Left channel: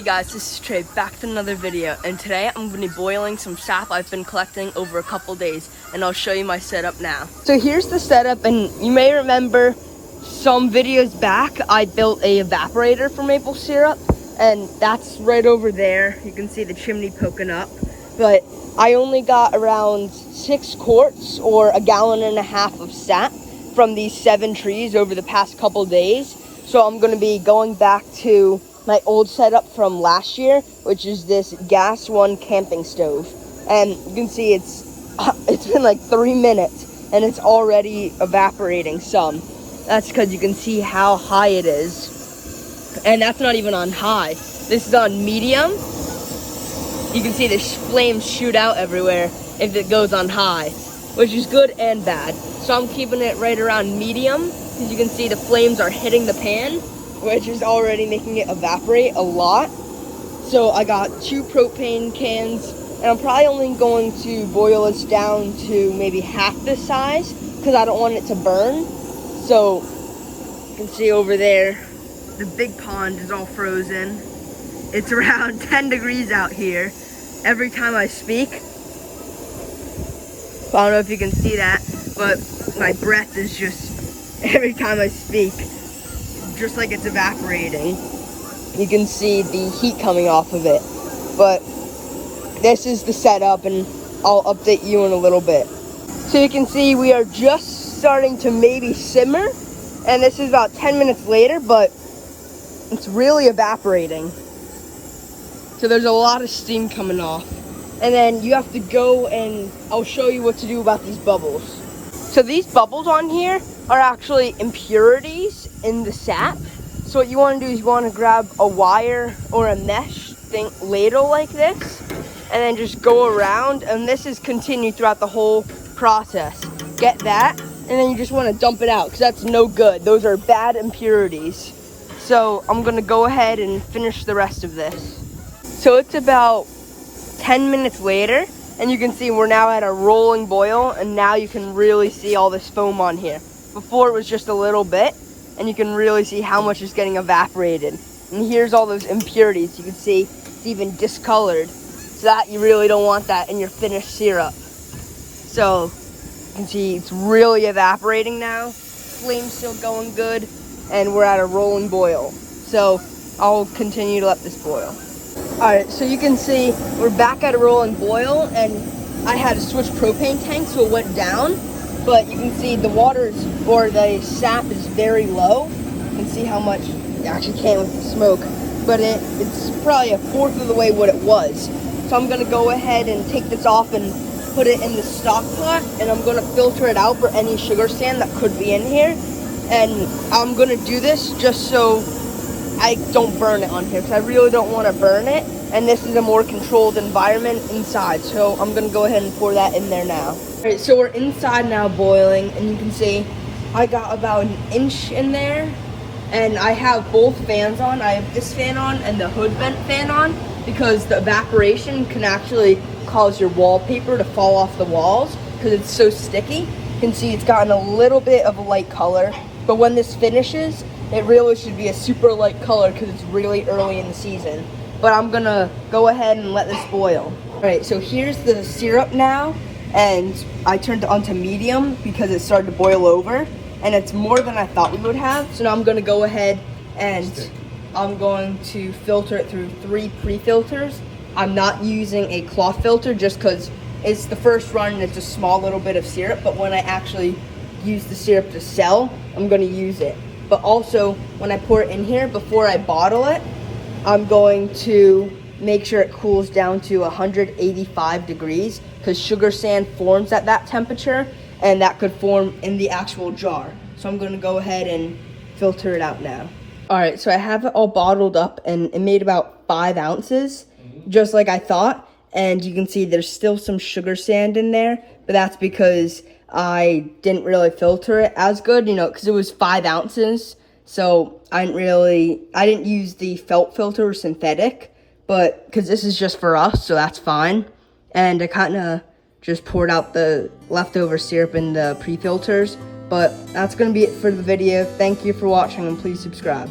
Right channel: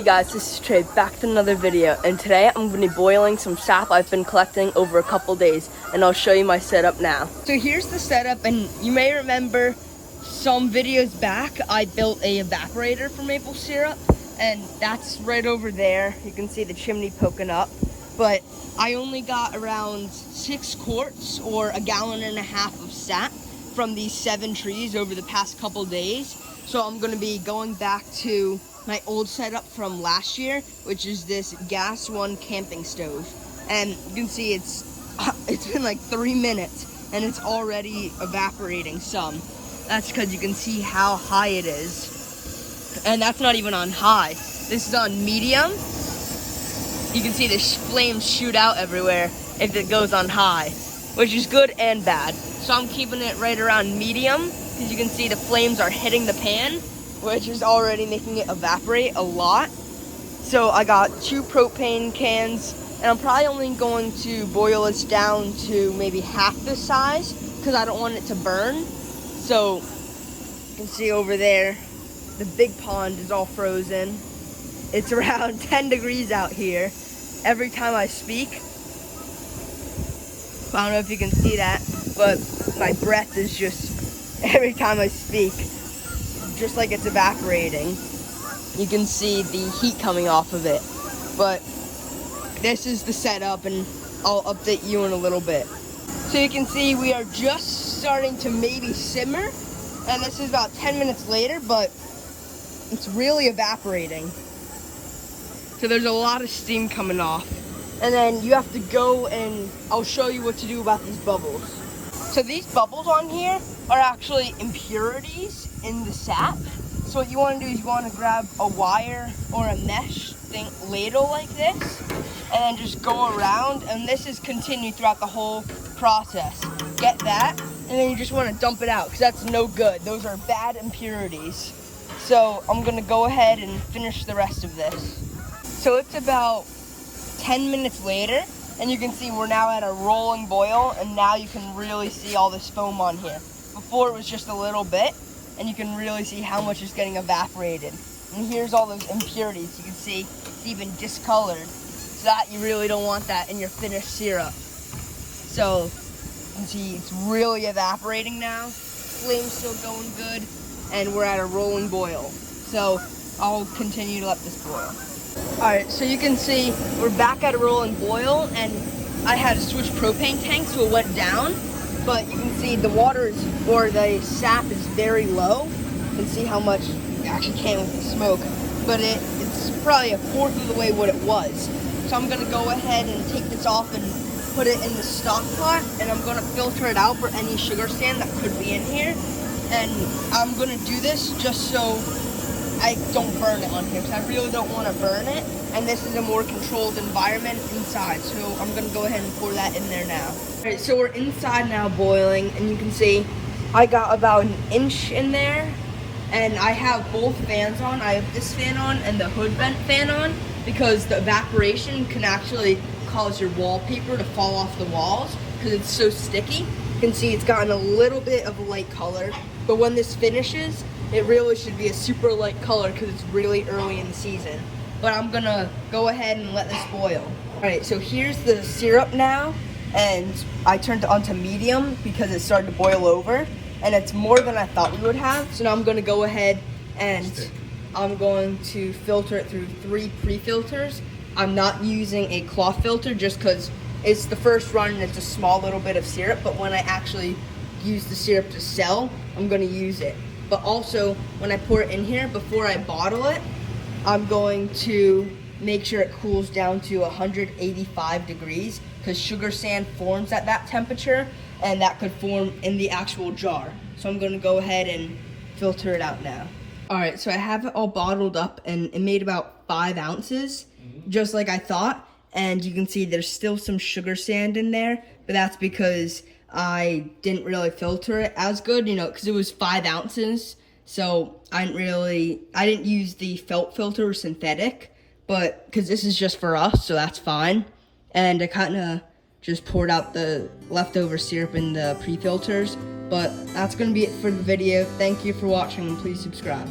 Hey guys, this is Trey, back to another video, and today I'm going to be boiling some sap I've been collecting over a couple days, and I'll show you my setup now. So here's the setup, and you may remember some videos back I built a evaporator for maple syrup, and that's right over there. You can see the chimney poking up, but I only got around 6 quarts or 1.5 gallons of sap from these 7 trees over the past couple days. So I'm going to be going back to my old setup from last year, which is this gas one camping stove. And you can see it's been like 3 minutes and it's already evaporating some. That's because you can see how high it is. And that's not even on high. This is on medium. You can see the flames shoot out everywhere if it goes on high, which is good and bad. So I'm keeping it right around medium, because you can see the flames are hitting the pan, which is already making it evaporate a lot. So I got 2 propane cans, and I'm probably only going to boil this down to maybe half this size, because I don't want it to burn. So you can see over there, the big pond is all frozen. It's around 10 degrees out here every time I speak. I don't know if you can see that, but my breath is just, every time I speak, just like it's evaporating. You can see the heat coming off of it. But this is the setup, and I'll update you in a little bit. So you can see we are just starting to maybe simmer, and this is about 10 minutes later, but it's really evaporating. So there's a lot of steam coming off. And then you have to go, and I'll show you what to do about these bubbles. So these bubbles on here are actually impurities in the sap. So what you want to do is you want to grab a wire or a mesh thing, ladle like this, and then just go around, and this is continued throughout the whole process. Get that, and then you just want to dump it out, because that's no good. Those are bad impurities. So I'm going to go ahead and finish the rest of this. So it's about 10 minutes later, and you can see we're now at a rolling boil, and now you can really see all this foam on here. Before it was just a little bit, and you can really see how much is getting evaporated. And here's all those impurities. You can see it's even discolored. So that, you really don't want that in your finished syrup. So you can see it's really evaporating now. Flame's still going good, and we're at a rolling boil. So I'll continue to let this boil. Alright, so you can see we're back at a rolling boil, and I had to switch propane tanks, so it went down. But you can see the water is, or the sap is very low. You can see how much, you actually can't with the smoke, but it's probably 1/4 of the way what it was. So I'm going to go ahead and take this off and put it in the stock pot, and I'm going to filter it out for any sugar sand that could be in here. And I'm going to do this just so I don't burn it on here, so I really don't want to burn it, and this is a more controlled environment inside, so I'm going to go ahead and pour that in there now. Alright, so we're inside now boiling, and you can see I got about 1 inch in there, and I have both fans on. I have this fan on and the hood vent fan on, because the evaporation can actually cause your wallpaper to fall off the walls, because it's so sticky. You can see it's gotten a little bit of a light color, but when this finishes, it really should be a super light color, because it's really early in the season. But I'm gonna go ahead and let this boil. Alright, so here's the syrup now, and I turned it onto medium because it started to boil over, and it's more than I thought we would have. So now I'm gonna go ahead and I'm going to filter it through 3 pre-filters. I'm not using a cloth filter just because it's the first run and it's a small little bit of syrup, but when I actually use the syrup to sell, I'm gonna use it. But also, when I pour it in here, before I bottle it, I'm going to make sure it cools down to 185 degrees, because sugar sand forms at that temperature, and that could form in the actual jar. So I'm going to go ahead and filter it out now. Alright, so I have it all bottled up, and it made about 5 ounces, just like I thought. And you can see there's still some sugar sand in there, but that's because I didn't really filter it as good, you know, because it was 5 ounces. So I didn't use the felt filter or synthetic, but because this is just for us, so that's fine. And I kind of just poured out the leftover syrup in the pre-filters. But that's going to be it for the video. Thank you for watching, and please subscribe.